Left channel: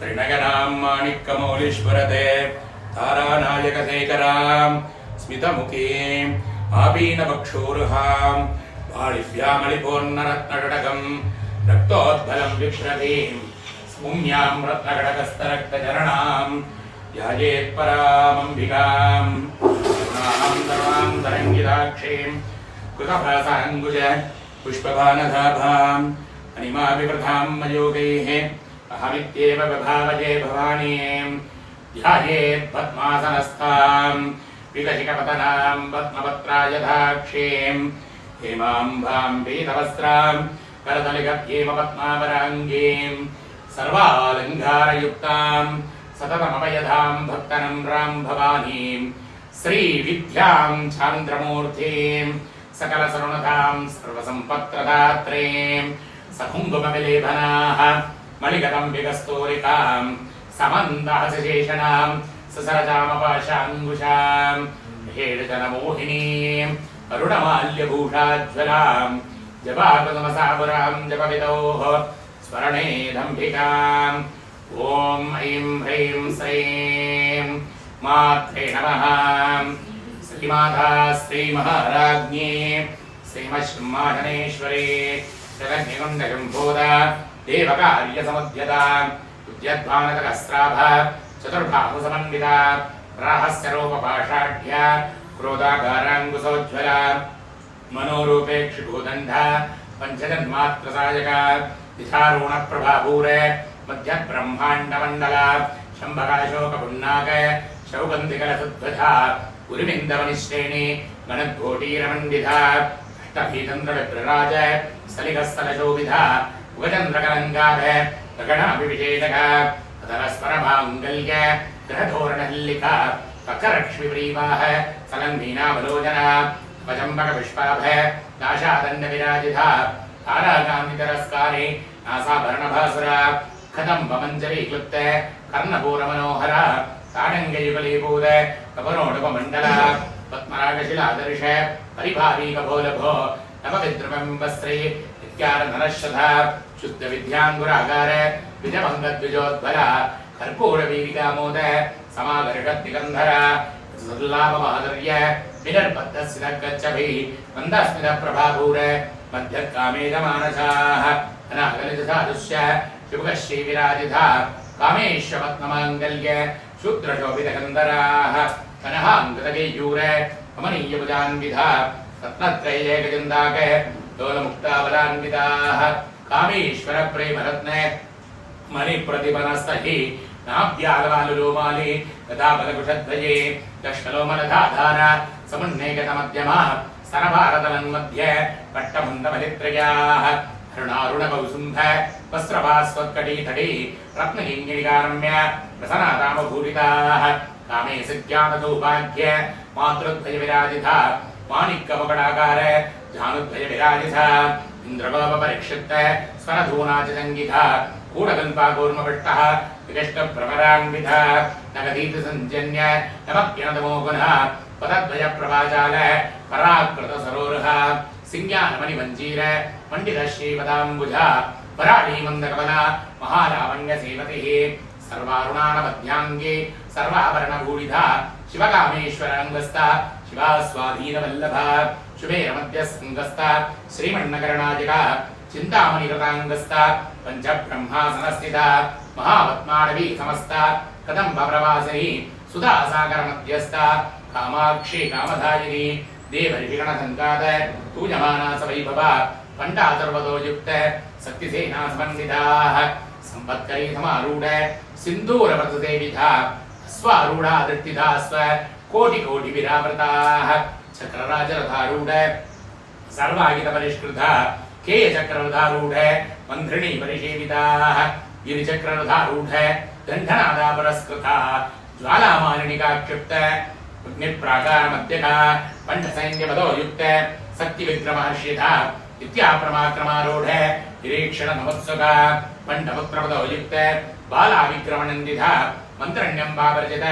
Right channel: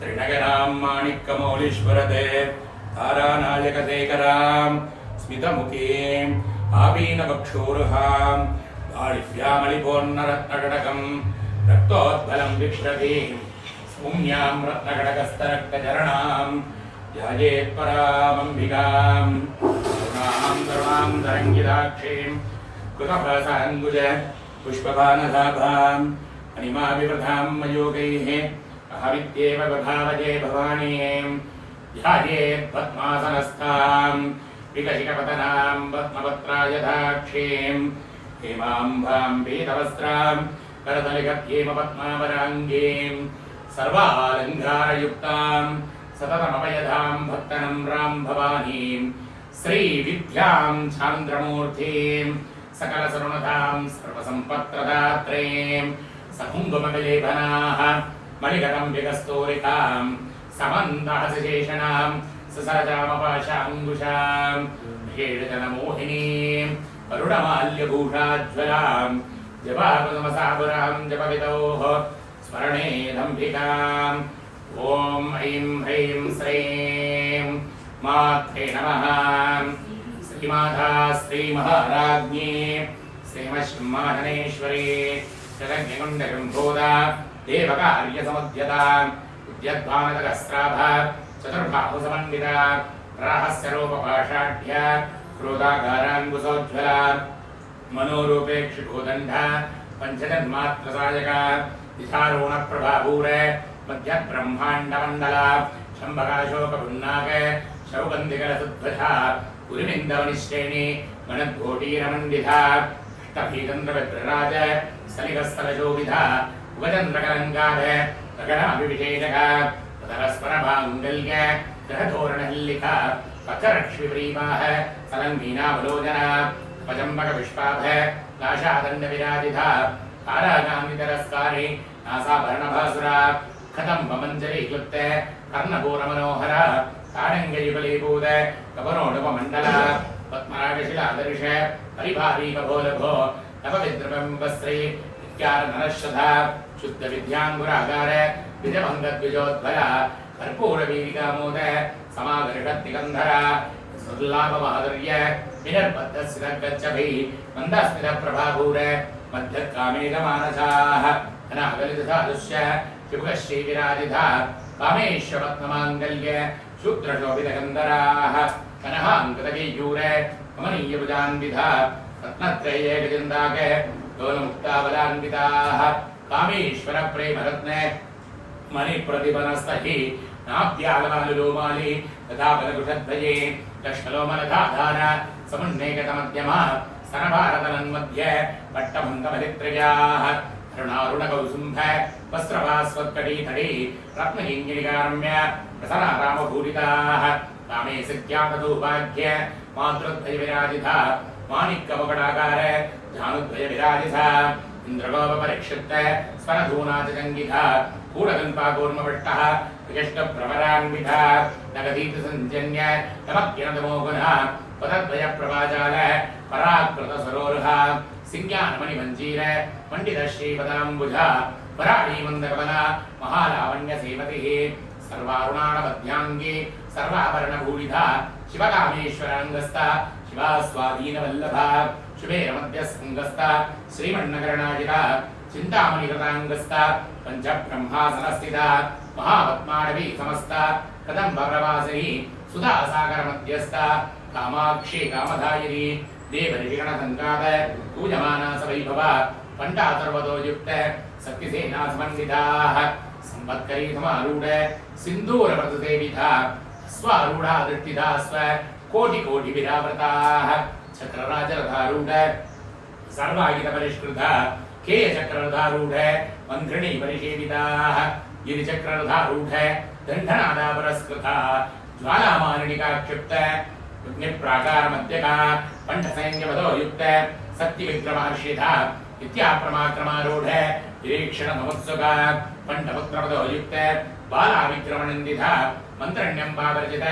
त्रिनयनां माणिक्यमौलीश्वरते तारानायकशेखरां स्मितमुखीं आपीनवक्षोरुहां बालिभ्यामलिपूर्णरत्नकटकं रक्तोद्बलं विप्रभीं स्पुण्यां रत्नकटकस्तरक्तचरणां ध्यायेत्परामम्बिकां करुणां धर्मां तरङ्गिताक्षीं कृतभासाङ्गुज पुष्पबाणधाभाम् अनिमाविवृधां मयोगैः अहमित्येव विभावजे भवानीं ध्यायेत् पद्मासनस्थां विकशिकपतनां पद्मपत्रायधाक्षीं हेमाम्भां पीतवस्त्रां करतलिगत्येम पद्मावराङ्गीं सर्वालङ्कारयुक्तां सततमभयदां भक्तनम्रां भवानीं श्रीविद्यां चान्द्रमूर्तिं सकलसरुणतां सर्वसम्पत्प्रदात्रीं सकुङ्कुमविलेपनाः मणिकदम्बिकस्तूरिकां समन्दहसशेषणां ससरजामपाशाङ्कुशां हेडजनमोहिनीं करुणमाल्यभूषाज्वलां जपाकुसुमसापुरां जपविदोः स्मरणे दम्भिकाम् ॐ ऐं ह्रीं श्रीं मात्रे नमः। श्रीमाता श्रीमहाराज्ञी श्रीमश्माधनेश्वरी जगन्निकुण्डशम्भूता देवकार्यसमुद्यता उद्यद्भानतकस्राभ चतुर्बाहुसमन्विता रहस्यरूपपाषाढ्या क्रोधाकाराङ्कुशोज्ज्वला मनोरूपेक्षिभूदण्डा पञ्चजन्मात्रसायका दिशारूणप्रभापूर मध्यब्रह्माण्डमण्डला शम्भकाशोकपुन्नाक शौगन्धिकलसुध्वजा उरिविन्दवनिश्रेणी मनद्घोटीरमण्डिता अष्टभीचन्द्रविप्रराज स्थलिकस्थलशोभिता उगचन्द्रकलङ्काभ गगनाभिषेचका तदरस्परमाङ्गल्य ग्रहधोरणहल्लिका कक्षलक्ष्मीप्रीवाह सलङ्मीनावलोचना कवचम्बकपुष्पाभ नाशादण्डविराजिता ताराकान्तितरस्कारे नासाभरणभासुरा कदम्बमञ्जरीक्लुप्त कर्णपूरमनोहरा ताडङ्गयुगलीभूत कपरोडुपमण्डला पद्मरागशिलादर्श परिभावीकभोलभो नवविद्रुमबिम्बश्री इत्यारधनश्रधा शुद्धविद्याङ्कुरागार द्विजभङ्गद्विजोद्भला कर्पूरवीरिकामोद समागर्षद्दिगन्धरा सुर्लाभमाधुर्य विनर्बद्धस्थितगच्छभिः मन्दस्मितप्रभापूर मध्यकामेकमानसाः अनागलितसादुष्य शुभश्रीविराजिता कामेश्वपद्ममाङ्गल्य शूद्रशोभितकन्दराः कनहाङ्कृतकेयूर कमनीयभुजान्विधा रत्नत्रयैकचिन्ताक दोलमुक्ताबलान्विताः कामेश्वरप्रेमरत्न मणिप्रतिपनस्तहि नाभ्यालवालुलोमालि गदाबलकुशध्वजे लक्ष्मलोमलधाधार समुन्नेकतमध्यमा स्तनभारतलन्मध्ये पट्टभुन्दमलित्रयाः हरुणारुणकौसुम्भ वस्त्रभास्वत्कटीतटी रत्नकिङ्गिणिकारम्य प्रसन्नारामभूरिताः कामे सिद्ध्यातदौभाग्य मातृद्वयविराजिता माणिक्यमुकटाकार जानुद्वयविराजिता इन्द्रगोपपरिक्षिप्त स्वरधूनाचसङ्गिता कूढकल्पाकूर्मपट्टः विशिष्टभ्रमरान्विता नगदीतसञ्जन्य नमप्यनतमोगुणः पदद्वयप्रभाजाल पराकृतसरोरुह सिंज्ञानमणिमञ्जीर पण्डितश्रीपदाम्बुजा वराळीमन्दकमला महालावण्यसेवतिः सर्वारुणानमध्याङ्गी सर्वाभरणभूषिता शिवकामेश्वराङ्गस्था शिवा स्वाधीनवल्लभा शुभेरमध्यसङ्गस्था श्रीमन्नकरणाजिका चिन्तामणिकृताङ्गस्था पञ्चब्रह्मासनस्थिता महापद्माडवी समस्ता कदम्बप्रवासिनी सुधासागरमध्यस्था कामाक्षी कामधायिनी देवऋषिगणसङ्गात पूजमाना सवैभवा पण्डातर्वतो युक्त शक्तिसेनासमन्विताः संवत्करी समारूढ सिन्दूरव्रतसेविता स्वारूढा दृष्टिधा स्व कोटिकोटिविरावृताः चक्रराजरथारूढ सर्वायुधपरिष्कृता केयचक्ररथारूढ मन्त्रिणी परिसेविताः गिरिचक्ररथारूढ दण्डनादापरस्कृता ज्वालामालिनिकाक्षिप्त अग्निप्राकारमध्यका पण्डसैन्यपदो युक्त शक्तिविक्रमाश्रिता इत्याप्रमाक्रमारूढ निरीक्षणसमुत्सुका पण्डपुत्रपदो युक्त बालाविक्रमणन्दिता मन्त्रण्यम्बापरिचित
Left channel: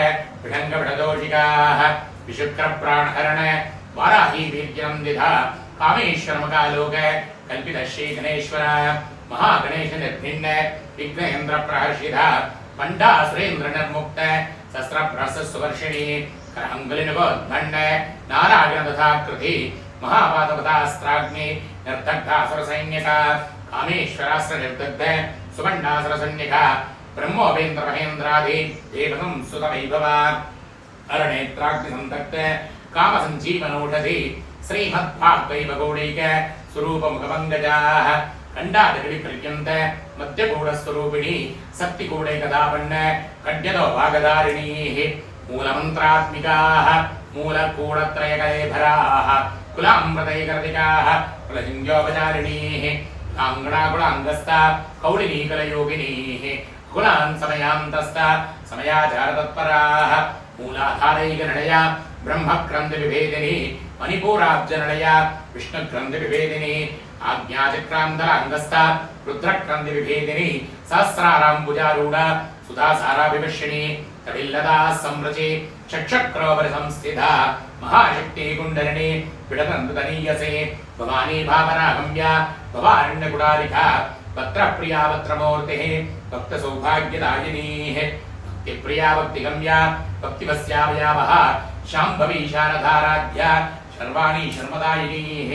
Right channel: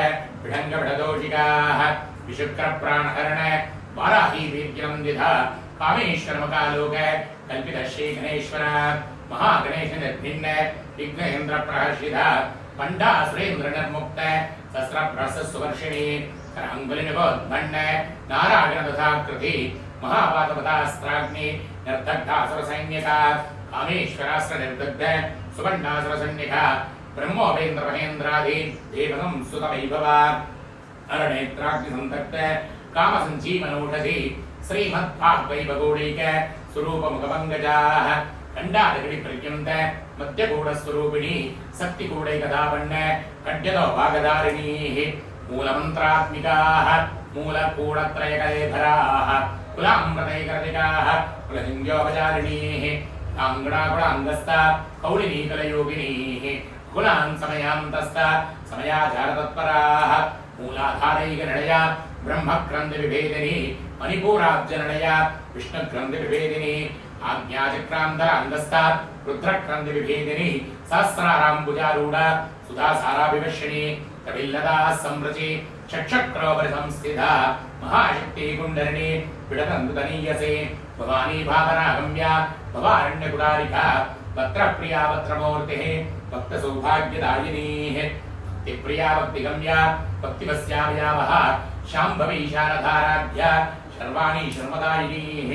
विढङ्गविढदोषिकाः विशुक्रप्राणहरण वाराही वीर्यनन्दिता कामेश्वरमुखालोक कल्पित श्री गणेश्वर महागणेश निर्भिन्न विघ्नेन्द्र प्रहर्षित पंडा सुरेन्द्र निर्मुक्त शस्त्रभ्रस सुवर्षिणी करांगुलिनवोद्भण्ड नारायण दधाकृति महापादपदास्त्राग्नि निर्दग्धासुर सैन्यका कामेश्वरास्त्र निर्दग्ध सुवर्णासुर सैन्यका ब्रह्मोपेन्द्र महेन्द्रादि देवतं सुतवैभव अरणेत्राग्नि संतप्त काम संजीवनौषधि श्रीमद्भागवैभवगौडैक स्वरूप मुखमंगजाः कंडादगड़ी पर्यंत मध्यगूढ़स्वरूपिणी शक्तिगूढ़ैकदापन्न कड्यतो भागधारिणीः मूलमन्त्रात्मिकाः मूलकूढत्रयकलेभराः कुलामृतैकर्तिकाः कुलहिन्द्योपचारिणीः कुलाङ्गणाकुलाङ्गस्था कौलिनीकलयोगिनीः कुलान् समयान्तस्था समयाचारतत्पराः मूलाधारैकनडया ब्रह्मग्रन्थविभेदिनी मणिपूराब्जनडया विष्णुग्रन्थविभेदिनी आज्ञाचक्रान्तराङ्गस्था रुद्रग्रन्थविभेदिनी सहस्राराम्बुजारूढ सुधासाराभिवर्षिणी कविल्लता संरचि चक्षक्रोपरिसंस्थिता महाशक्ति कुण्डलिनी पिडतन्तुतनीयसे भवानी भावनागम्या भवारण्यकुडालिका भद्रप्रिया भद्रमूर्तिः भक्तसौभाग्यदायिनीः भक्तिप्रिया भक्तिगम्या भक्तिवस्यावयावः शाम्भवी शारदाराध्या शर्वाणी शर्मदायिनीः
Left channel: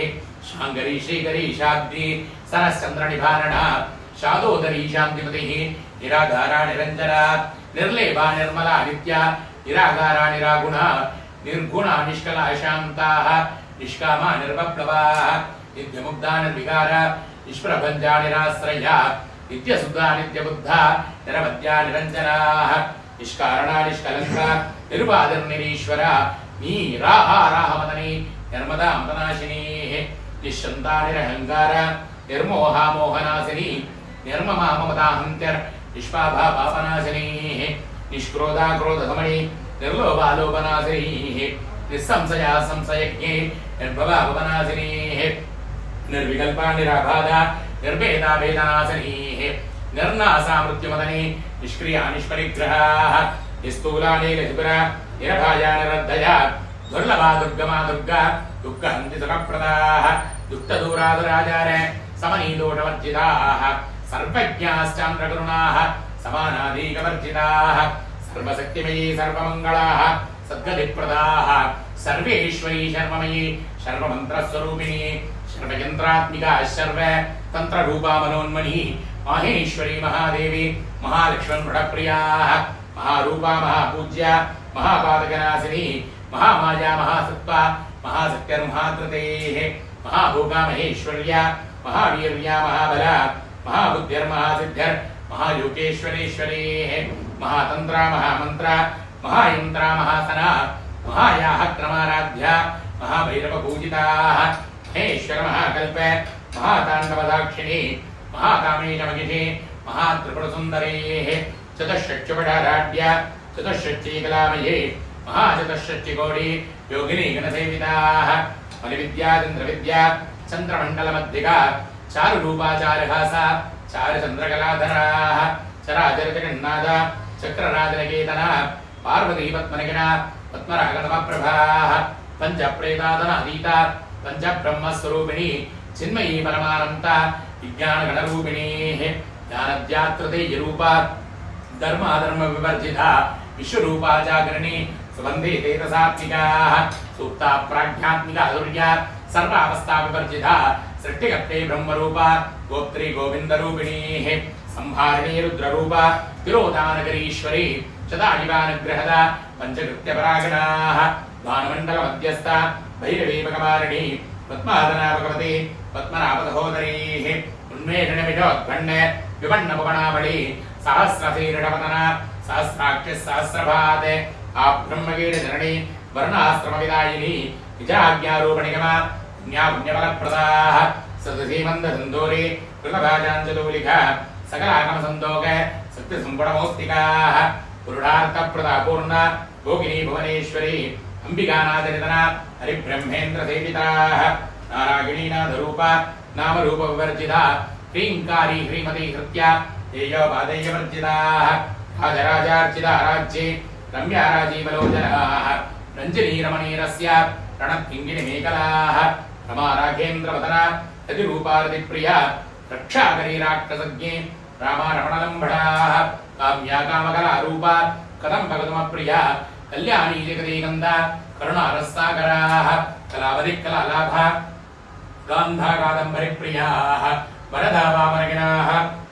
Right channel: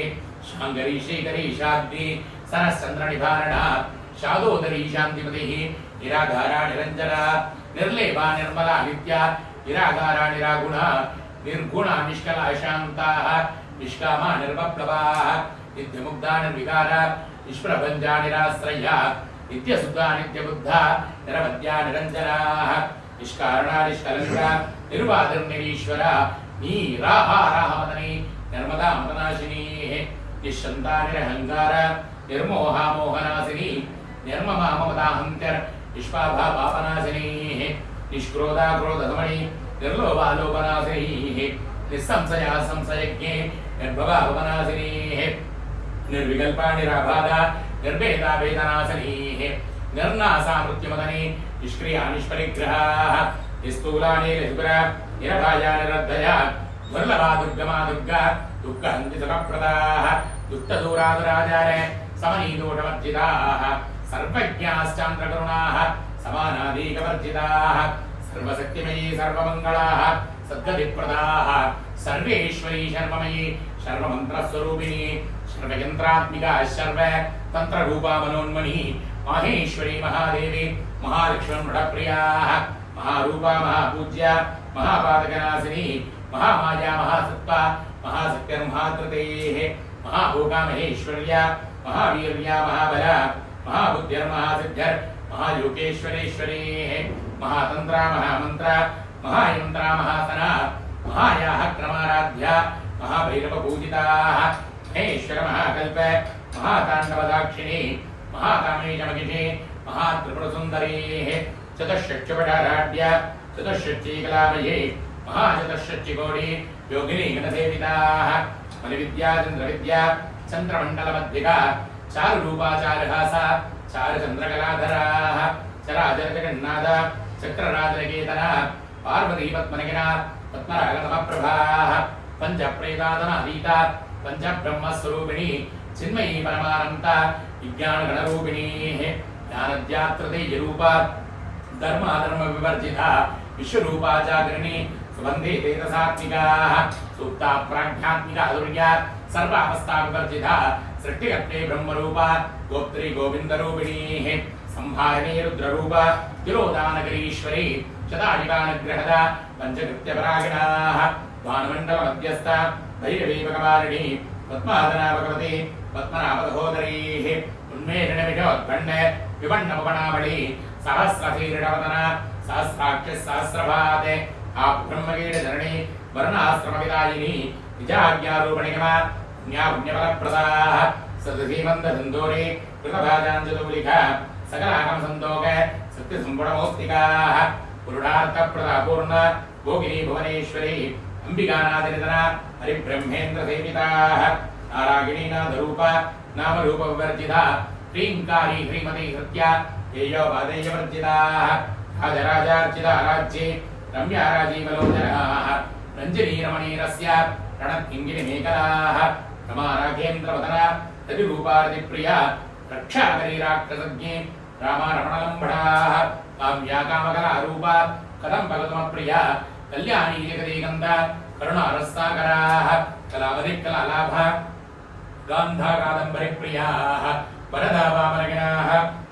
शाङ्गरी श्रीकरी शाब्दी सरश्चन्द्रनिभारणा शादोदरी शान्तिमतिः निराधारा निरञ्जना निर्लेपा निर्मला नित्या निरागारा निरागुणा निर्गुणा निष्कला शान्ताः निष्कामा निर्वप्लवाः नित्यमुग्धा निर्विकारा निष्प्रभञ्जा निराश्रया नित्यशुद्धा नित्यबुद्धा निरवद्या निरञ्जनाः निष्कारणा निष्कलङ्का निर्वादिर्निरीश्वरा नीराहाराहमदनी नर्मदा मदनाशिनीः निश्चन्ता निरहङ्कार निर्मोहा मोहनाशिनी निर्ममा ममताहन्त्यर् निष्पाभा पापनाशिनीः निष्क्रोधा क्रोधधमणि निर्लोभा लोभनाशिनीः निस्संशया संशयज्ञे निर्भवा भवनाशिनीः निर्विकल्पा निराबाधा निर्भेदा वेदनाशिनीः निर्नासा मृत्युमदनी निष्क्रिया निष्परिग्रहाः निस्तूला नीलशुभ्रा निरभाया निरद्धया दुर्लभा दुर्गमा दुर्गा दुःखहन्ति सुखप्रदाः दुःखदूरादुराचार समनीदोषवर्जिताः सर्वज्ञाश्चान्द्रकरुणाः समानादीकवर्जिताः सर्वशक्तिमयी सर्वमङ्गलाः सद्गतिप्रदाः सर्वेश्वरी शर्वमयी सर्वमन्त्रस्वरूपिणी सर्वयन्त्रात्मिका सर्व तन्त्ररूपा मनोन्मनी माहेश्वरी महादेवी महालक्ष्मणप्रियाः महारूपा महापूज्या महापादकनाशिनी महामाया महासत्त्वा महासत्यर्महाकृतेः महाभोगा महेश्वर्या महावीर्या महाबला महाबुद्धिर्महासिद्धिर् महायोगेश्वरेश्वरेः महातन्त्रा महामन्त्रा महायन्त्रा महासना महायाः क्रमाराध्या महाभैरवपूजिताः महेश्वर महाकल्प महाताण्डवदाक्षिणी महाकामेशमहिषे महात्रिपुरसुन्दरेः चतुष्षट्युपटाराढ्या चतुष्षट्चीकलामये महाचतुष्षट्चिकोटि योगिनी गणसेविताः मलिविद्याचन्द्रविद्या चन्द्रमण्डलमध्यिका चारुरूपाचारहासा चारुचन्द्रकलाधराः चराचरजगन्नाथ चक्रराजनकेतना पार्वतीपद्मनगिना पद्मरागतमप्रभाः पञ्चप्रेतादनादीता पञ्चब्रह्मस्वरूपिणी चिन्मयी परमानन्ता विज्ञानगणरूपिणीः ज्ञानद्यात्रतेयरूपा धर्माधर्मविवर्जिता विश्वरूपा जागरणी सुबन्धे तेजसात्मिकाः सूक्ता प्राज्ञात्मिका दुर्या सर्वावस्था विवर्जिता सृष्टिकर्ते ब्रह्मरूपा गोत्री गोविन्दरूपिणीः संहारिणी रुद्ररूपा तिरोधानगरीश्वरी शतायुगानुग्रहदा पञ्चकृत्यपरागणाः भानुमण्डलमध्यस्था भैरवीपकवारिणी पद्मादना भगवती पद्मनाभसहोदरीः उन्मेषणमिषोद्भण्ड विवण्णमुगणावळी सहस्रशीर्षवदना सहस्राक्षः सहस्रभात् आब्रह्मकीटजननी वर्णाश्रमविदायिनी निजाज्ञारूपणिगमा पुण्यफलप्रदाः सदसीमन्दसन्दूरी कृतभाजाञ्जतूलिका सकलागमसन्दोक सत्यसम्पुटमौक्तिकाः पुरुषार्थप्रदापूर्ण भोगिनी भुवनेश्वरी अंबिकानाथनिधना हरिब्रह्मेन्द्रसेविताः नारायणीनाथरूपा नामरूपविवर्जिता ह्रीङ्कारी ह्रीमती हृत्या ध्येयोपादेयवर्जिताः राजराजार्चिता राज्ये रम्याराजीवलोचनाः रञ्जनीरमणीरस्य रणत्किङ्गिनिमेकलाः रमाराघेन्द्रवदना रतिरूपारतिप्रिया रक्षाकरी राक्षसज्ञे रामारमणलम्बडाः काम्या कामकलारूपा कदम्बकदमप्रिया कल्याणी जगदीगन्धा करुणारसागराः कलावधिकलालाभा गान्धा कादम्बरिप्रियाः वरदा वामनगिनाः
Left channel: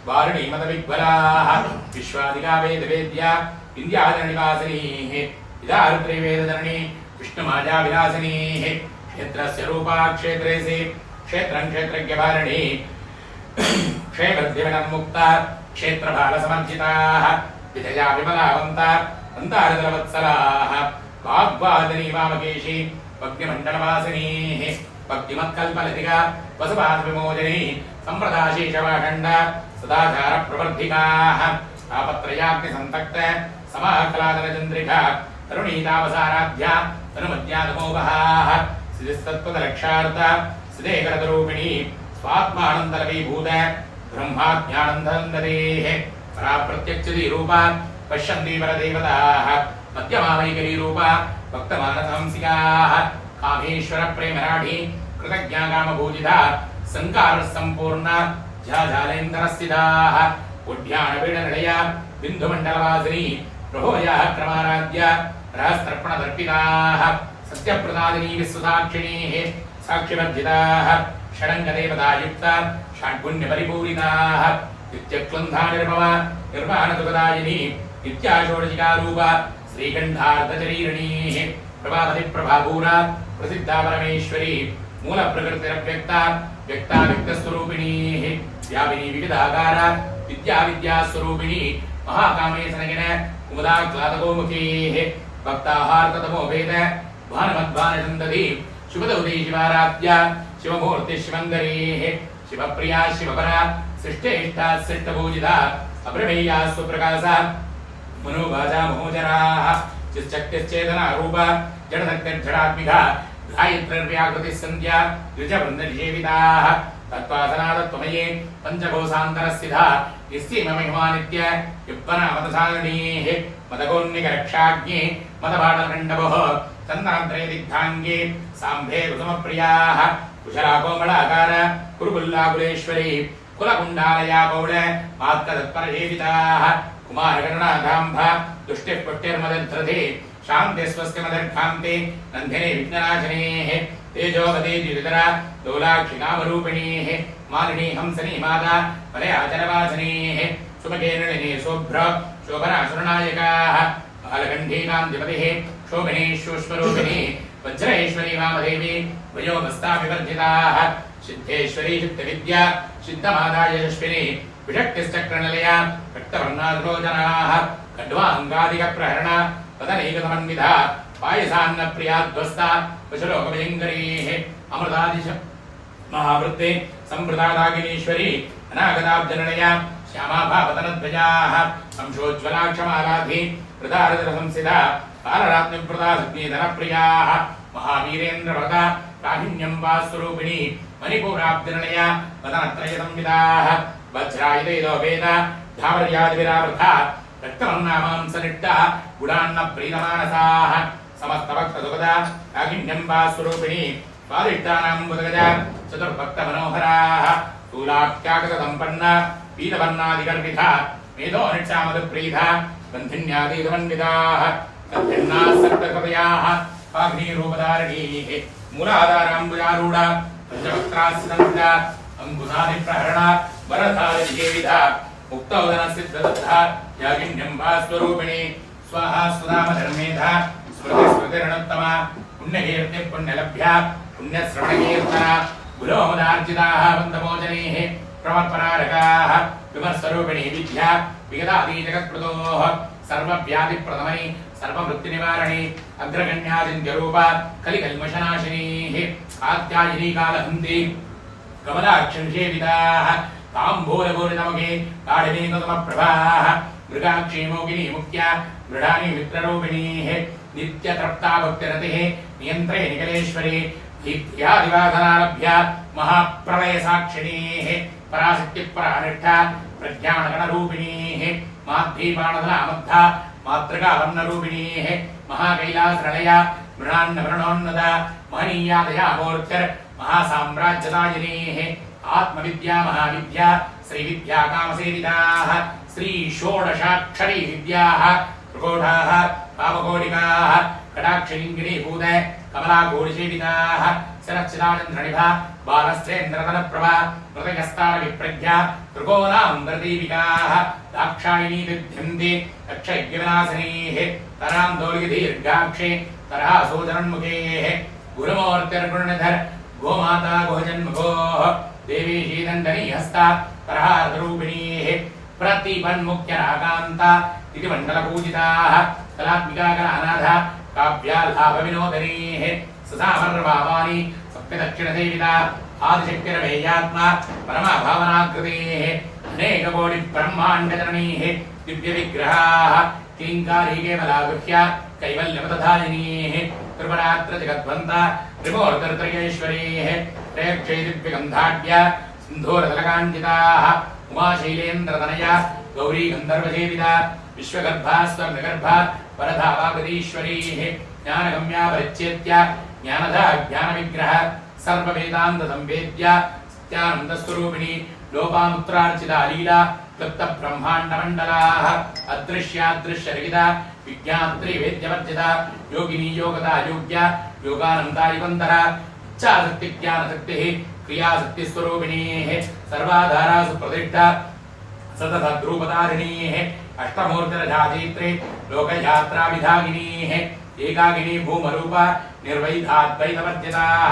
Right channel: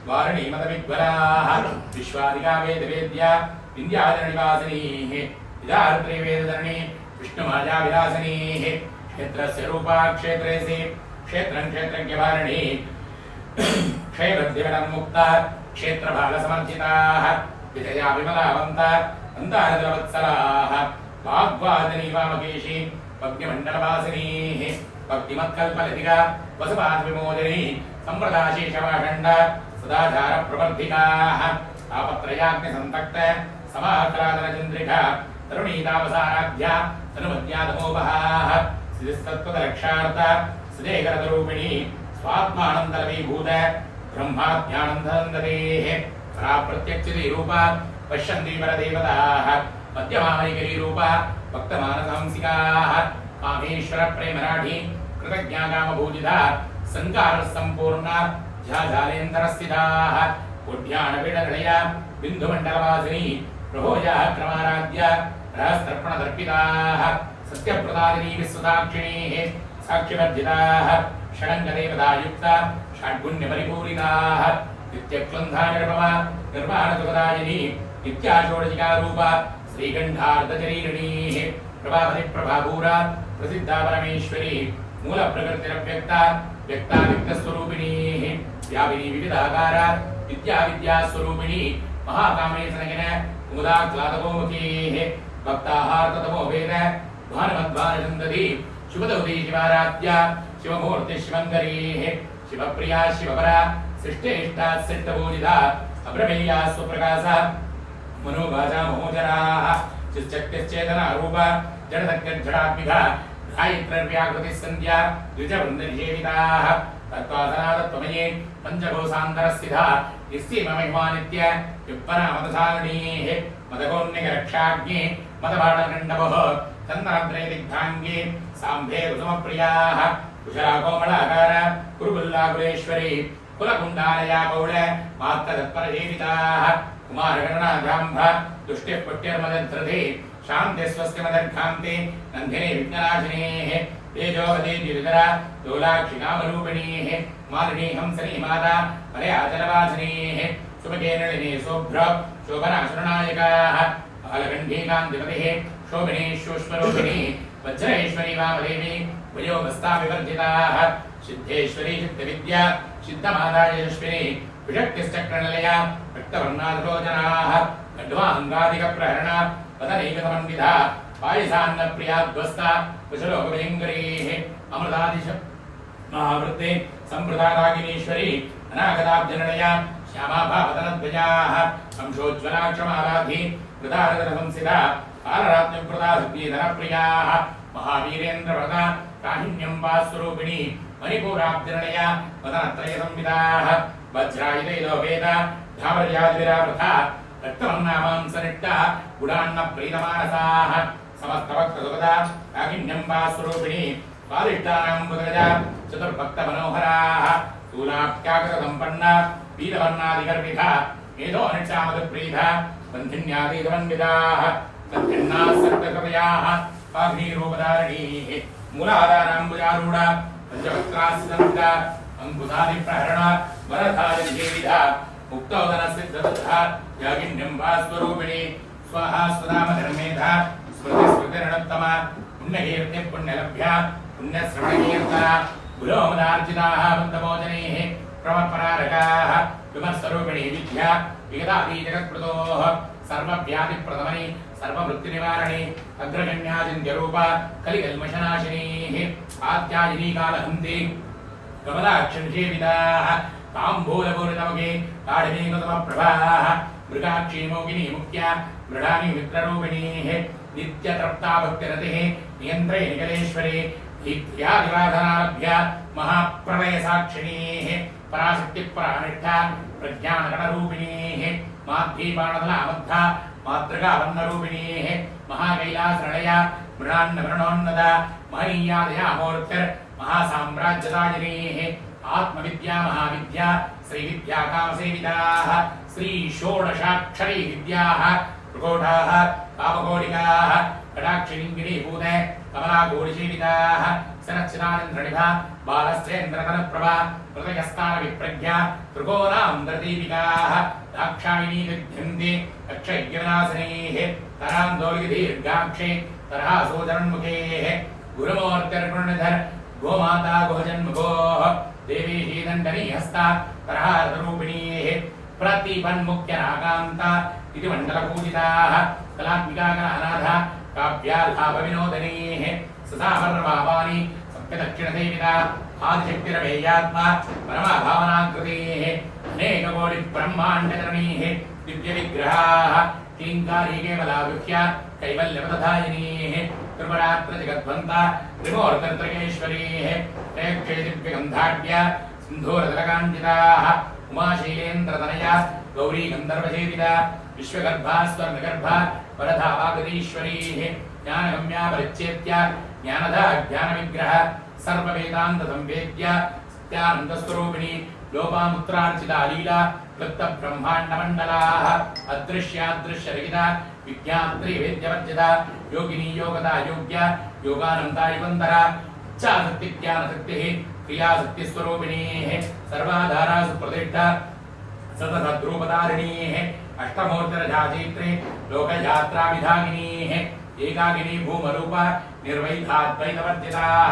वारुणीमदविग्वलाः विश्वादिका वेदवेद्या विन्द्याचलनिवासिनीः विदारुत्रिवेदधरणी विष्णुमायाविलासिनीः क्षेत्रस्य रूपा क्षेत्रेसि क्षेत्रं क्षेत्रज्ञभारिणी क्षेमद्दिवनन्मुक्ता क्षेत्रबालसमर्जिताः विजया विमलावन्ता अन्तारदलवत्सलाः वाग्वादिनी वामकेशी भक्तिमण्डलवासिनीः भक्तिमत्कल्पलतिका वसुपादविमोदिनी सम्प्रदाशीशवाखण्ड सदाचारप्रवर्धिकाः आपत्रयाग्निसन्तक्त समाकलादनचन्द्रिका तरुणीतावसाराध्या तनुमद्यादमोपहाः सिद्धिस्तत्त्वदलक्षार्थ सिदेकरतरूपिणी स्वात्मानन्दलवीभूत ब्रह्माज्ञानन्दनन्देः पराप्रत्यक्षदीरूपा पश्यन्ति परदेवताः मध्यमामैकरीरूपा भक्तमानसहंसिकाः कामेश्वरप्रेमराढी कृतज्ञाकामभूजिता सङ्कारसम्पूर्णा झाझालेन्दरस्थिताः उड्याणपीडनिलया बिन्दुमण्डलवासिनी प्रभोजाः क्रमाराध्या रहस्तर्पणदर्पिताः सत्यप्रदादिनी विश्वसाक्षिणीः साक्षिवर्जिताः षडङ्गदेवतायुक्ता षड्गुण्यपरिपूरिताः नित्यक्लन्धानिर्भवा निर्वाणसुखदायिनी नित्याषोडशिकारूपा श्रीकण्ठार्धशरीरिणीः प्रभावतिप्रभापूरा प्रसिद्धा परमेश्वरी मूलप्रकृतिरव्यक्ता व्यक्ता व्यक्तस्वरूपिणीः व्यापिनी विविधाकारा विद्यास्वरूपिणी महाकामेशनगिन कुमुदाक्लादगोमुखीः भक्ताहार्ततमो वेद भानुमद्भानचन्दती शिवदौती शिवाराध्या शिवमूर्ति शिवन्दरीः शिवप्रिया शिवपरा सृष्टेष्टा सृष्टपूजिता अप्रमेया स्वप्रकाशा मनोभाजा मोहजराः चिश्चक्तिश्चेतना रूपा जडशक्तिर्जडात्मिका गायत्र्याकृतिः सन्ध्या द्विजवृन्दनिषेविताः तत्त्वासनादत्वमये पञ्चकोशान्तरस्थिता निस्सीममहिमानित्य युप्पनामतसालिनीः मदकोन्निकरक्षाज्ञे मदपाटलकण्डवः चन्दनद्रयदिग्धाङ्गे साम्भे कुसुमप्रियाः कुशलाकोमलाकार कुरुकुल्लाकुलेश्वरी कुलकुण्डालया कौल मात्कतत्परसेविताः कुमारगणनाथाम्भ दुष्टिः पुट्टिर्मदध्रते शान्ति स्वस्तिमदर्घान्ते नन्दिने विघ्ननाशिनेः तेजोवते द्युतिधरा लोलाक्षिकामरूपिणीः मालिनी हंसनी माता मलयाचलवासिनीः सुमके नलिनी शोभ्र शोभनासुरनायकाः बालकण्ठीकान्तिपतिः शोभिनी सूक्ष्मरूपिणी वज्रेश्वरी वामदेवी वयोमस्ताविवर्जिताः सिद्धेश्वरी चित्तविद्या सिद्धमाता यशस्विनी विषक्तिश्चक्रनिलया रक्तवर्णाधरोजनाः खड्वाङ्गादिकप्रहरणा वदनैकसमन्विता पायसान्नप्रियाध्वस्ता कुशलोकभयङ्करीः अमृतादिश महावृत्ते सम्प्रदादागिनीश्वरी अनागताब्जननया श्यामाभावतनध्वजाः अंशोज्ज्वलाक्षमालाधि वृदारदरसंसिता कालरात्रिव्रतासुग्नीधनप्रियाः महावीरेन्द्रव्रता काहिन्यं वास्वरूपिणी मणिपूराब्जननया वदनत्रयसंविदाः वज्रायुधैलो वेद धावर्यादिविरावृथा रक्तमन्नामांसनिट्टा गुणान्नप्रीतमानसाः समस्तभक्तसुखदा काहिन्यं वास्वरूपिणी स्वादिष्टानां बुधगजा चतुर्भक्तमनोहराः स्थूलाख्यागतसम्पन्ना पीतवर्णादिगर्विता मेधोनिष्ठामधुप्रीता बन्धिन्यादीतमन्विताः बन्धिन्नाः सप्तकृतयाः पाघ्नीरूपधारिणीः मूलाधाराम्बुजारूढा पञ्चवक्त्रास्संविदा अङ्कुशादिप्रहरणा वरधारिनिषेविता मुक्तौदनसिद्धदत्ता यागिन्यं भास्वरूपिणी स्वाहा स्वधामधर्मेधा स्मृतिस्मृतिरणोत्तमा पुण्यकीर्तिः पुण्यलभ्या पुण्यश्रवणकीर्तना गुरोमुदार्जिताः बन्धमोचनीः क्रमपरारकाः विमर्शरूपिणी विद्या विगतादीजगत्प्रदोः सर्वव्याधिप्रदमनि सर्ववृत्तिनिवारणी अग्रगण्यादिन्द्यरूपा कलिकल्मषनाशिनीः कात्यायिनी कालहन्ति कमलाक्षनिषेविताः ताम्बूलपूर्णमुखे ताडिनीकुसुमप्रभाः मृगाक्षीमोगिनी मुख्या मृडानि मित्ररूपिणीः नित्यतृप्ता भक्तिरतिः नियन्त्रे निकलेश्वरी धीत्यादिवासनालभ्या महाप्रलयसाक्षिणीः पराशक्तिपरानिष्ठा प्रज्ञानगणरूपिणीः माध्वीपाणधलामद्धा मातृकावर्णरूपिणीः महाकैलासरणया मृणान्नवरणोन्नदा महनीयादया मूर्तिर् महासाम्राज्यदायिनेः आत्मविद्या महाविद्या श्रीविद्या कामसेविताः श्री षोडशाक्षरी विद्याः त्रिकोटाः कामकोटिकाः कटाक्षलिङ्गिनीभूत कमलाघोषसेविताः सरच्चिदानन्द्रनिभा बालस्त्रेन्द्रतनप्रभा हृदयस्थानविप्रज्ञा त्रिकोणान्तर्दीपिकाः दाक्षायिनी विद्यन्ते अक्षयज्ञविनाशिनीः तरान्दोलिदीर्घाक्षे तरहासोदरन्मुखेः गुरुमूर्तिर्गुणनिधर गोमाता गोजन्मुखोः देवी शीदण्डनी हस्ता तरहारतरूपिणीः प्रतिपन्मुख्यराकान्ता इति मण्डलपूजिताः कलात्मिका कलानाथा काव्याल्लाभविनोदनीः ससामर्वापानि सप्तदक्षिणसेविता आदिशक्तिरमेयात्मा परमभावनाकृतेः अनेककोटिब्रह्माण्डजननीः दिव्यविग्रहाः किङ्कारी केवलागुह्या कैवल्यपदधायिनीः त्रिपुरात्रजगद्वन्ता त्रिमूर्तिर्त्रयेश्वरीः प्रेक्षे दिव्यगन्धाढ्या सिन्धूरतलकाञ्चिताः उमाशैलेन्द्रतनया गौरी गन्धर्वसेविता विश्वगर्भा स्वर्णगर्भा वरदा वागदीश्वरीः ज्ञानगम्या परिच्छेद्या ज्ञानदा ज्ञानविग्रह सर्ववेदान्तसंवेद्या सत्यानन्दस्वरूपिणी लोपामुत्रार्चिता लीला क्लुप्तब्रह्माण्डमण्डलाः अदृश्यादृश्यरहिता विज्ञात्रिवेद्यवर्जिता योगिनी योगदा योग्या योगानन्दारिवन्तरा इच्छाशक्तिज्ञानशक्तिः क्रियाशक्तिस्वरूपिणीः सर्वाधारासु प्रतिष्ठा सततद्रूपधारिणीः अष्टमूर्तिरजाचैत्रे लोकयात्राविधागिनीः एकाकिनी भूमरूपा निर्वैधाद्वैतवर्जिताः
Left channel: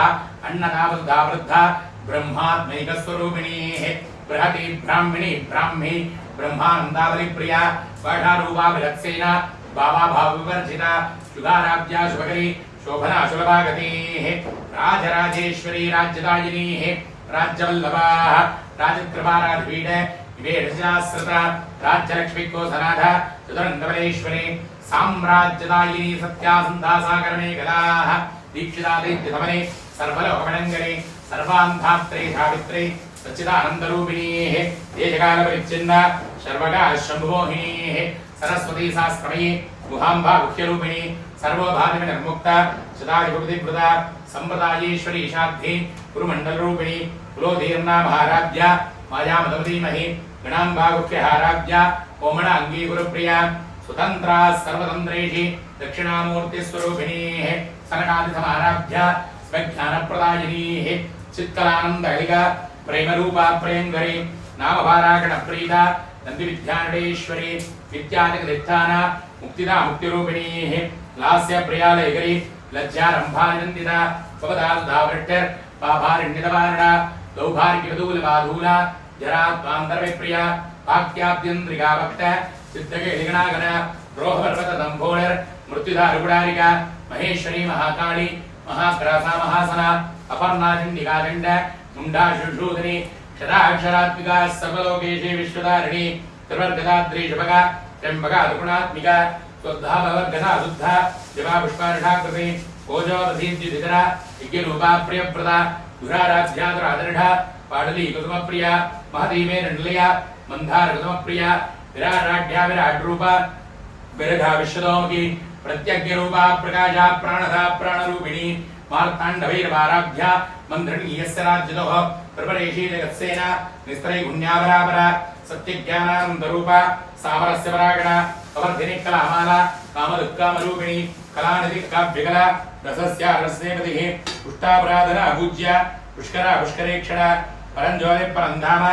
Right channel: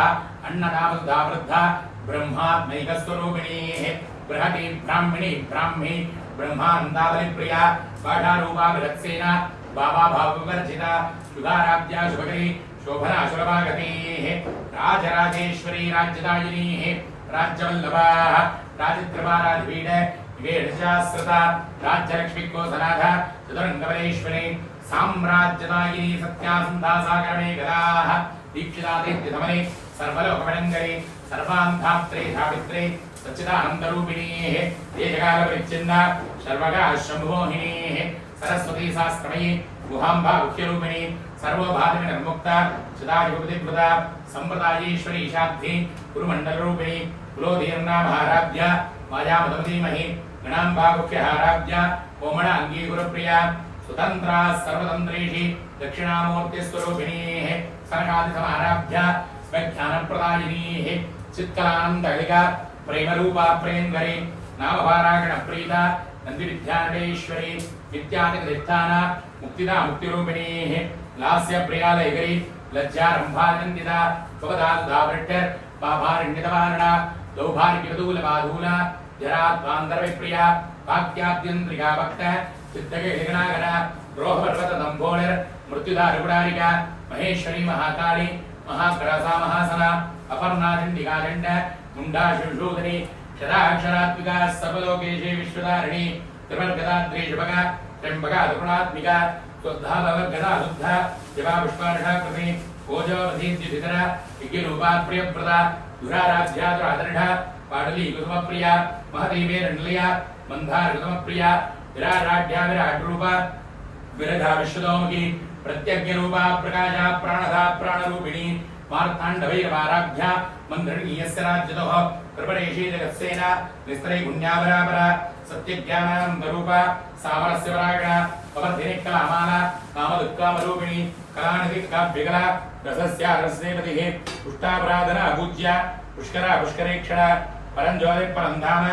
अन्नदावृद्धा वृद्धा ब्रह्मात्मैकस्वरूपिणीः बृहती ब्राह्मिणी ब्राह्मी ब्रह्मानन्दावलिप्रिया पाठारूपा विलत्सेना भावाभावविवर्जिता सुधाराब्जा शुभकरी शोभना सुलभागतेः राजराजेश्वरी राज्यदायिनीः राज्यवल्लभाः राजकृपाराधिपीठ विवेशशास्त्रता राज्यलक्ष्मीकोसनाथ सुदरङ्गमलेश्वरी साम्राज्यदायिनी सत्यासन्दासाकरणे गदाः दीक्षितादित्यधमने सर्वलोकमणङ्गले सर्वान्धात्रे सावित्रे सच्चिदानन्दरूपिणीः देशकालपरिच्छिन्न सर्वकाशम्भुमोहिनीः सरस्वती शास्त्रमयी गुहाम्बा मुख्यरूपिणी सर्वभागविनिर्मुक्ता सदायुगपतिवृता सम्प्रदायेश्वरी शाब्धी गुरुमण्डलरूपिणी कुलोधीर्णा महाराध्या मायामदमधीमहि गणाम्बा मुख्यहाराध्या कोमणाङ्गी गुरुप्रिया स्वतन्त्रा सर्वतन्त्रेषि दक्षिणामूर्तिस्वरूपिणीः सनकादिसमाराध्या स्वज्ञानप्रदायिनीः चित्कलानन्दहलिका प्रेमरूपा प्रेङ्गरी नामभारागणप्रीता नन्दिविद्यानटेश्वरी विद्यादिकदिष्ठान मुक्तिदा मुक्तिरूपिणीः लास्यप्रियालयगरी लज्जारम्भानन्दिता स्वपदाधावृट्टर् पाभारण्यतवारणा दौभार्गिकदूलबाधूला जराद्वान्दर्विप्रिया वाक्याद्यन्द्रिका भक्त सिद्धकेलिगणागण द्रोहपर्वतदम्भोळर् मृत्युधारुगुडारिका महेश्वरी महाकाली महाग्रासा महासना अपर्णा चण्डिकादण्ड मुण्डाशुशूदनी क्षदाक्षरात्मिका सर्वलोकेशे विश्वधारिणी त्रिवर्गदाद्रीशभगा त्र्यम्बका दुगुणात्मिका स्वद्धा भवद्गदा शुद्धा शिवा पुष्पार्षाकृति ओजोदधीद्युधिकरा विज्ञरूपा प्रियप्रदा दुराराध्या दुरादृढा पाटली कुसुमप्रिया महती मेरण्लया मन्दार कुसुमप्रिया विराराढ्या विराट्रूपा विरधा विश्वतोमुखी प्रत्यज्ञरूपा प्रकाशा प्राणदा प्राणरूपिणी मार्ताण्डभैरवाराध्या मन्त्रिणी यस्य राज्यतोः प्रपरेशी जगत्सेना निस्त्रै गुण्यावरापरा सत्यज्ञानानन्दरूपा सामरस्य परागणा पवर्धिनी कलामाला कामदुःकामरूपिणी कलानिधि काव्यकला रसस्या रसनेपतिः पुष्टापराधना पूज्या पुष्करा पुष्करेक्षणा परञ्ज्योति परन्धाम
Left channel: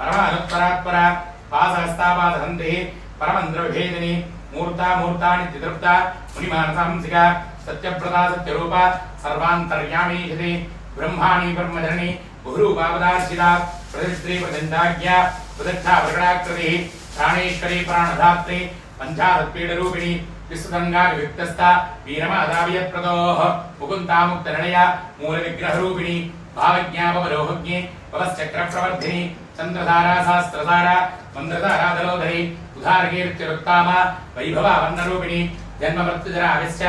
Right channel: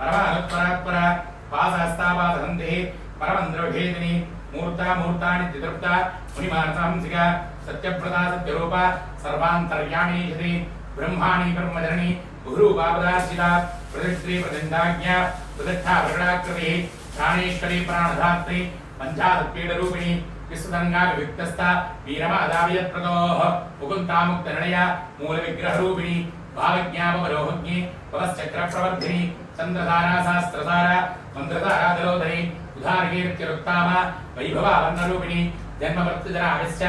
परमानुत्तरात्परा पासहस्तापादहन्तिः परमन्द्रविभेदिनी मूर्ता मूर्तानि चितृप्ता मुनिमानसांसिका सत्यप्रदा सत्यरूपा सर्वान्तर्यामीषति ब्रह्माणि ब्रह्मधरणी बहुरूपापदार्चिता प्रतिष्ठी प्रतिन्दाज्ञा प्रतिष्ठा प्रकटाकृतिः प्राणेश्वरी प्राणधात्री पञ्चादत्पीडरूपिणी विश्वगंगा विविक्तस्था वीरमादावियप्रदोः मुकुन्दामुक्तनिलया मूलविग्रहरूपिणी भावज्ञापमरोहज्ञे पवश्चक्रप्रवर्धिनी चन्द्रधारा शास्त्रधारा मन्द्रधाराधरोधरी उदारकीर्तिरुत्तामा वैभवा वर्णरूपिणी जन्ममृत्युजराविश्च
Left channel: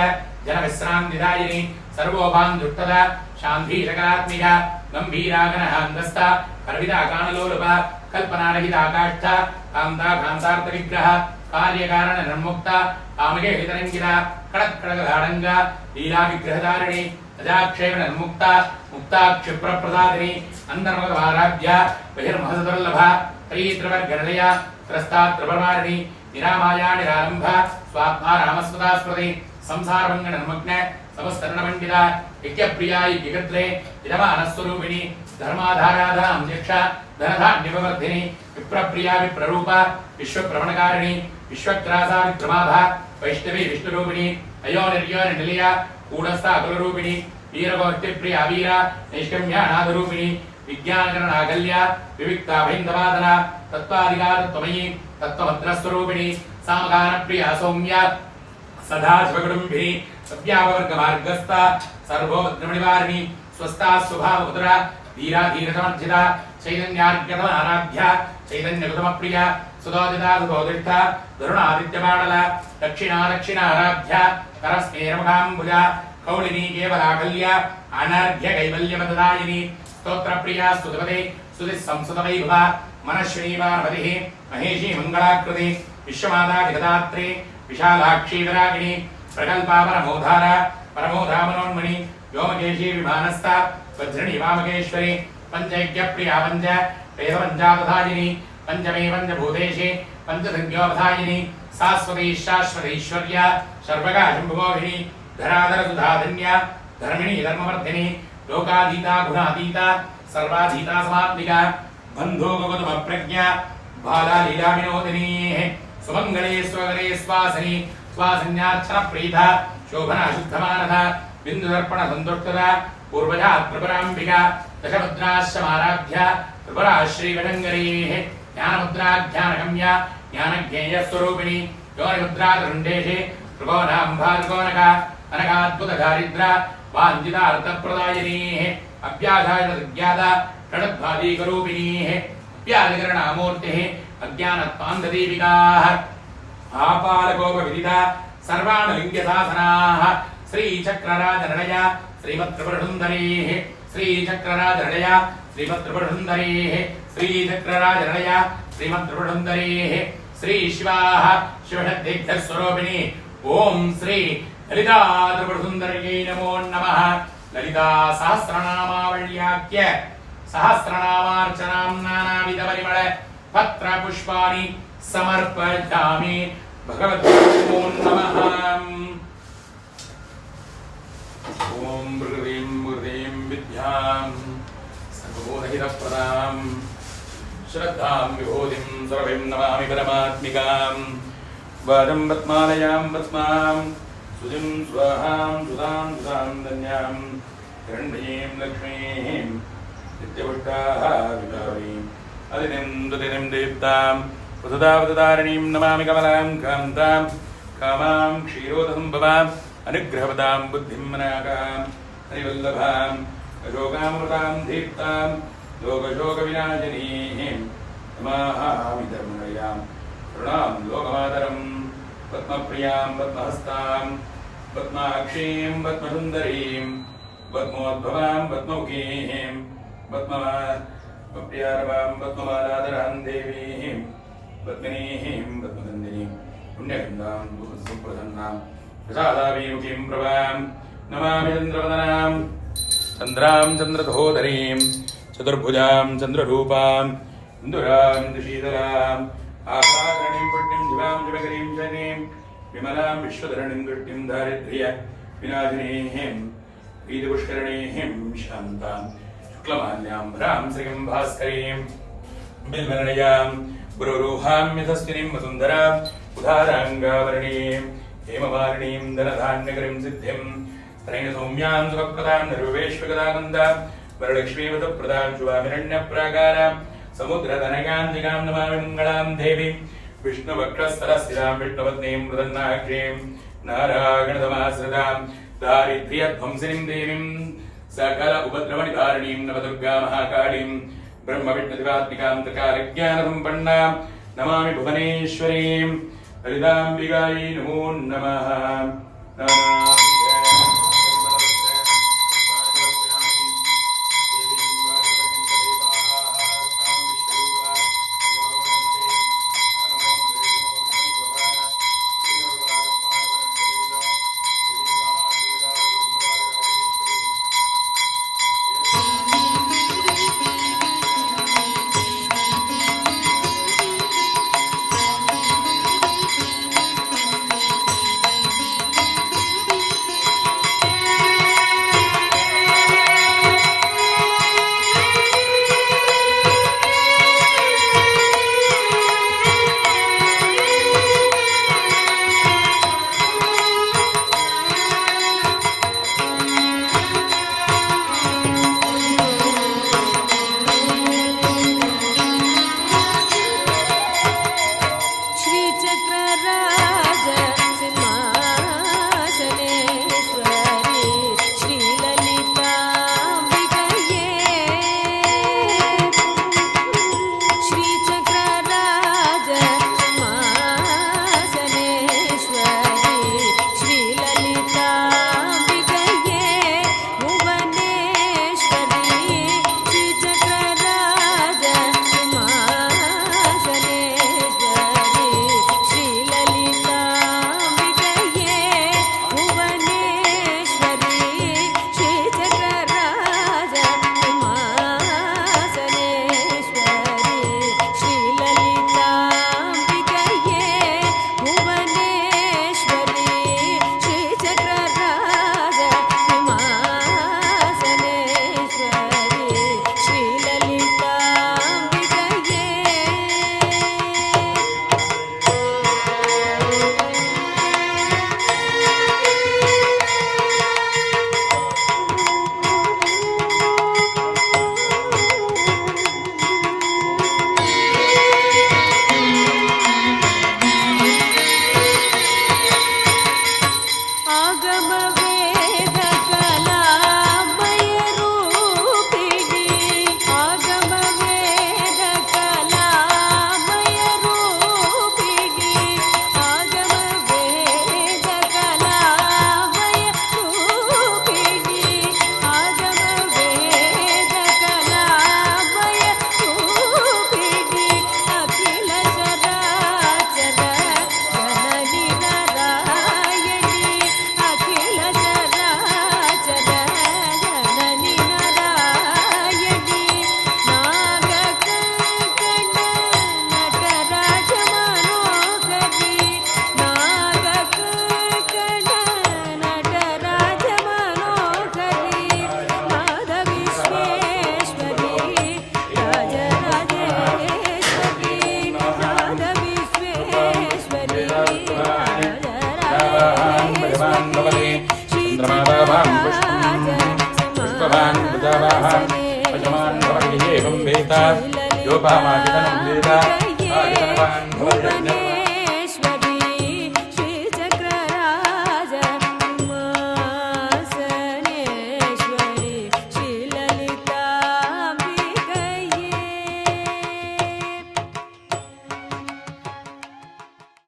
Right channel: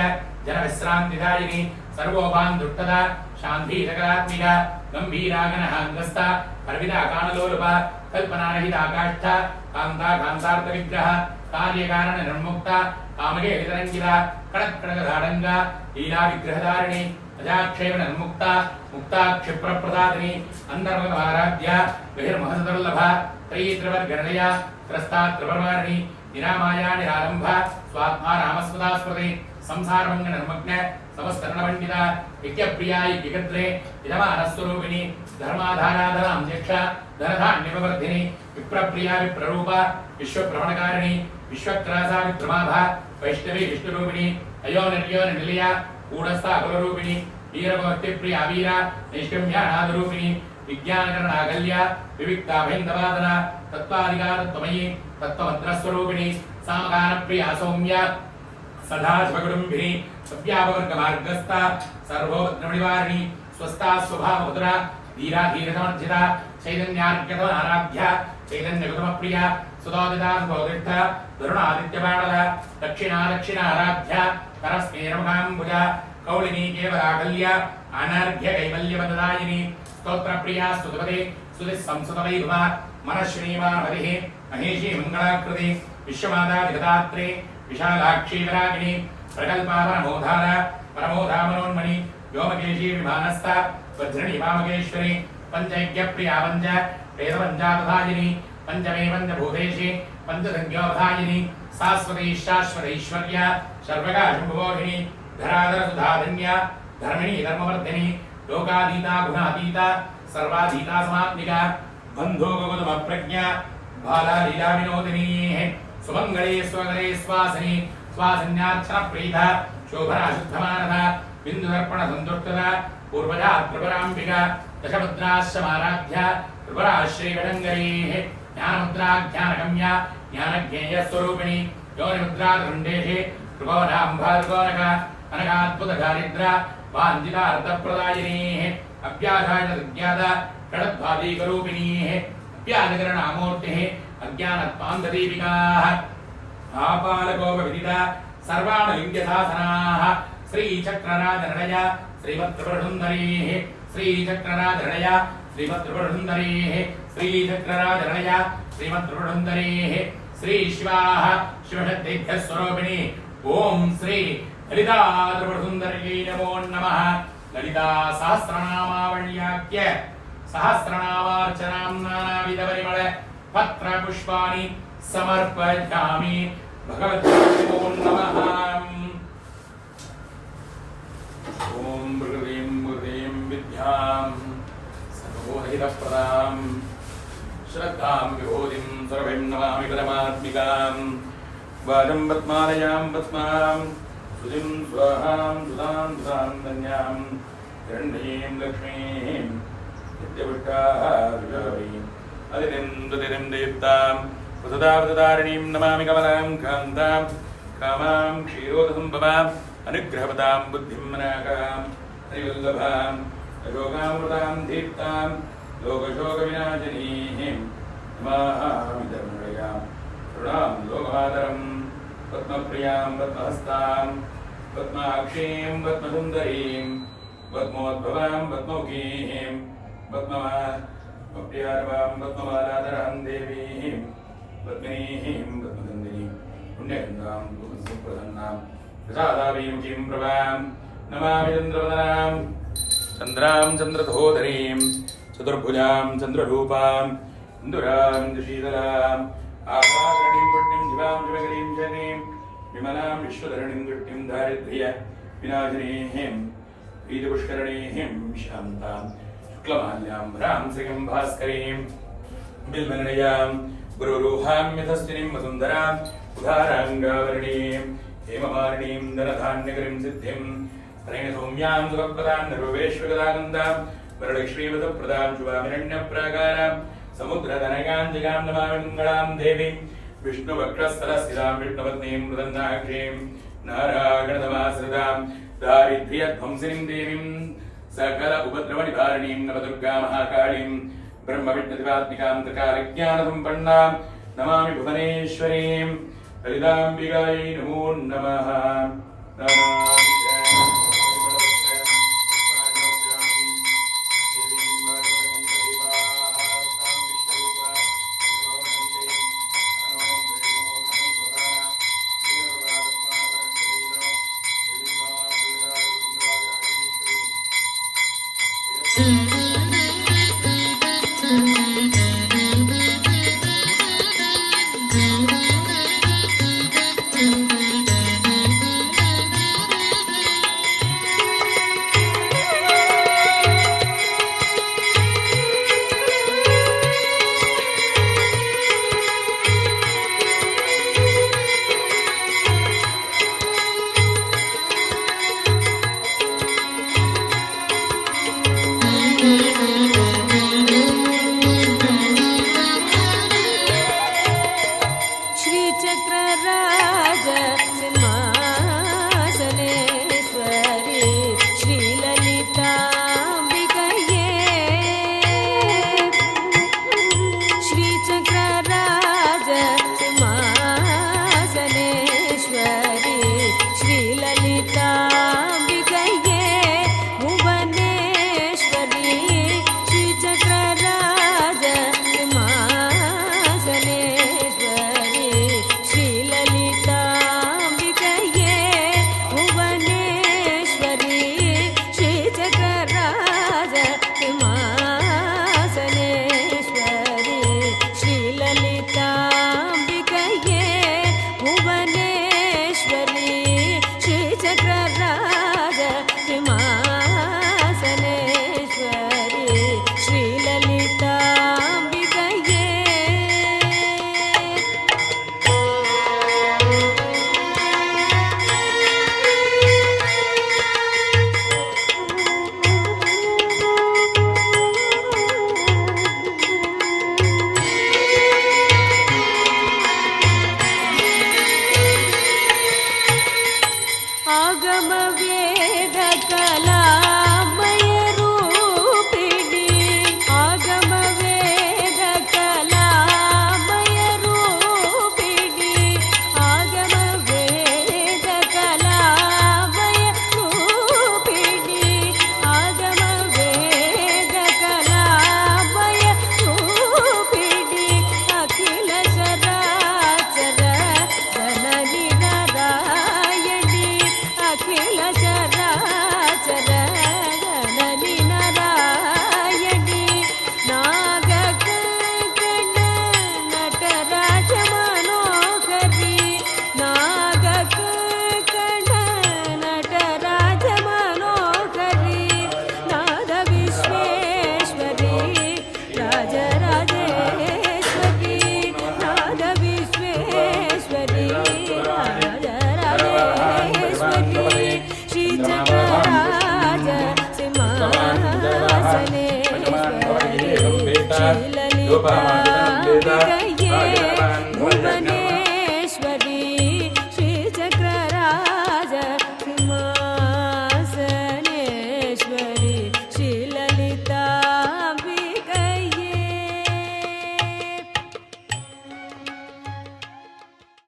जनविश्रान्तिदायिनी सर्वोभान्दुष्टदा शान्तिशकरात्मिका गम्भीरागणहाङ्गस्था कर्विदा कानलोलुपा कल्पनारहिता काष्ठा कान्ता कान्तार्थविग्रह कार्यकारणनिर्मुक्ता कामके हितरङ्गिता कड़क्कड़गधाडङ्गा लीलाविग्रहधारिणी अजाक्षेपण मुक्ता मुक्ता क्षिप्रप्रसादिनी अंतर्मुखमाराध्य बहिर्महसदुर्लभा त्रयीत्रवर्गणलया त्रस्तात्रपरमारिणी निरामाया निरालंभ स्वात्मा रामस्पदा स्मृति संसारभङ्गनर्मग्न समस्तरणपण्डिता यज्ञप्रिया यज्ञकर्त्रे इदमानस्वरूपिणी धर्माधाराधनां दीक्ष धनधान्यवर्धिनी विप्रप्रिया विप्ररूपा विश्वप्रवणकारिणी विश्वग्रासा विक्रमाभा वैष्णवी विष्णुरूपिणी अयोनिर्योनिलया कूढस्था अकुलरूपिणी वीरगोष्ठिप्रिया वीरा नैष्कम्यानादरूपिणी विज्ञानकरणाकल्या विविक्ता भैन्दवादना तत्त्वाधिकारत्वमयी तत्त्वभद्रस्वरूपिणी सामगानप्रिया सौम्या सदा स्वकुटुम्बिनी सव्यापवर्गमार्गस्था सर्वोपद्रवनिवारिणी स्वस्था स्वभावपुत्रा धीरा धीरसमर्जिता चैतन्यार्गतमाराध्या चैतन्यगुतमप्रिया सुदोदिता सुबोधिष्ठा धरुणादित्यपाटला दक्षिणा दक्षिणाराध्या करस्मेरमुखाम्बुजा कौलिनी केवलाकल्या अनर्घ्य कैवल्यपददायिनी स्तोत्रप्रिया स्तुतपदे स्तुतिस्संस्तुतवैभवा मनश्रीमानपतिः महेशी मङ्गलाकृति विश्वमाता जगदात्रे विशालाक्षी विरागिणी प्रकल्पापरमोधारा परमोधामनोन्मणि व्योमकेशी विमानस्था वज्रिणी वामकेश्वरी पञ्चयज्ञप्रिया पञ्च वेदपञ्चापधायिनी पञ्चमे पञ्चभूतेशे पञ्चसंज्ञोपधायिनी शाश्वती शाश्वतैश्वर्या सर्वकाशम्भुमोहिनी धराधरसुधाधन्या धर्मिणी धर्मवर्धिनी लोकाधीता गुणाधीता सर्वाधीता समात्मिका बन्धोगगुतमप्रज्ञा बाला लीला विनोदिनी सुमंगले स्वगले स्वासनी स्वासन्यार्चनप्रीता शोभना शुद्धमानता बिन्दुदर्पण सन्तुष्टता पूर्वजा त्रिपुराम्बिका दशभद्राश्रमाराध्या त्रिपुरा श्रीवडङ्गरीः ज्ञानमुद्रा ज्ञानगम्या ज्ञानज्ञेयस्वरूपिणी योनिमुद्रा दृण्डेशे त्रिभुवनाम्भार्गोनका अनकाद्भुतदारिद्रा वाञ्छितार्थप्रदायिनीः अव्याधायनसज्ञाता षडद्भावीकरूपिणीः अव्याधिकरणामूर्तिः अज्ञानत्वान्धदीपिकाः आपालकोपविदिता सर्वाणलिङ्गशासनाः श्रीचक्रराजनडया श्रीमत्त्रिपुरसुन्दरीः श्रीचक्रराजनडया श्रीमत्त्रिपुरसुन्दरीः श्रीचक्रराजनडया श्रीमत्त्रिपुरसुन्दरीः श्रीशिवाः शिवशक्तिभ्यस्वरूपिणी ॐ श्री ललिता त्रिपुरसुन्दर्यै नमो नमः ललिता सहस्रनामावल्याख्य सहस्रनामार्चनां नानाविधपरिमळ पत्रपुष्पाणि समर्पयामि भगवतो नमः ॐ मृगीं विद्यां सर्वबोधहितप्रदां श्रद्धां विभूतिं सर्वं नमामि परमात्मिकां वाजं पद्मालयां पद्मां सुजिं स्वाहां सुधां सुधां धन्यां हिरण्यीं लक्ष्मीं नित्यपुष्टाः विभावीम् अदितिं देवतां वसुधावतारिणीं नमामि कमलां कान्तां कामां क्षीरोदसम्भवाम् अनुग्रहपदां बुद्धिं मनाकां हरिवल्लभां अशोकामृतां दीप्तां लोकशोकविनाशिनीं नमामि धर्मवयां करुणां लोकमातरं पद्मप्रियां पद्महस्तां पद्माक्षीं पद्मसुन्दरीं पद्मोद्भवां पद्ममुखीं पद्मप्रियारवां पद्ममालाधरां देवीं पद्मिनीं पद्मदन्दिनीं पुण्यगन्धां सुप्रसन्नां प्रसादाभिमुखीं प्रभां नमामि चन्द्रवदनां चन्द्रां चन्द्रधोदरीं चतुर्भुजां चन्द्ररूपां इन्दुरां दुशीतलाम् आकारणीं पुण्यं शिवां शिवकरीं शनीं विमलां विश्वधरणीं दृष्टिं दारिद्र्य विनाशिनीं प्रीतिपुष्करणीं शान्तां शुक्लमाल्यां भ्रां श्रियं भास्करीं बिल्वनयां गुरुरूहां मिथस्तिनीं वसुन्धरां उदाराङ्गावरणीं हेमवारिणीं धनधान्यकरीं सिद्धिं त्रैणसौम्यां सुखप्रदां निर्वेश्वगदानन्दां वरलक्ष्मीवतप्रदां शुभामिरण्यप्राकारां समुद्रतनयां जगां नमामि मङ्गलां देवीं विष्णुवक्षस्थलस्थितां विष्णुपत्नीं मृदन्नाक्षीं नारायणतमाश्रितां दारिद्र्यध्वंसिनीं देवीं सकल उपद्रवनिवारिणीं नवदुर्गा महाकालीं ब्रह्मविष्णुदिवात्मिकां त्रिकालज्ञानसम्पन्नां नमामि भुवनेश्वरीं ललिताम्बिकायै नमो नमः। श्रीचक्रराज सिंहासनेश्वरी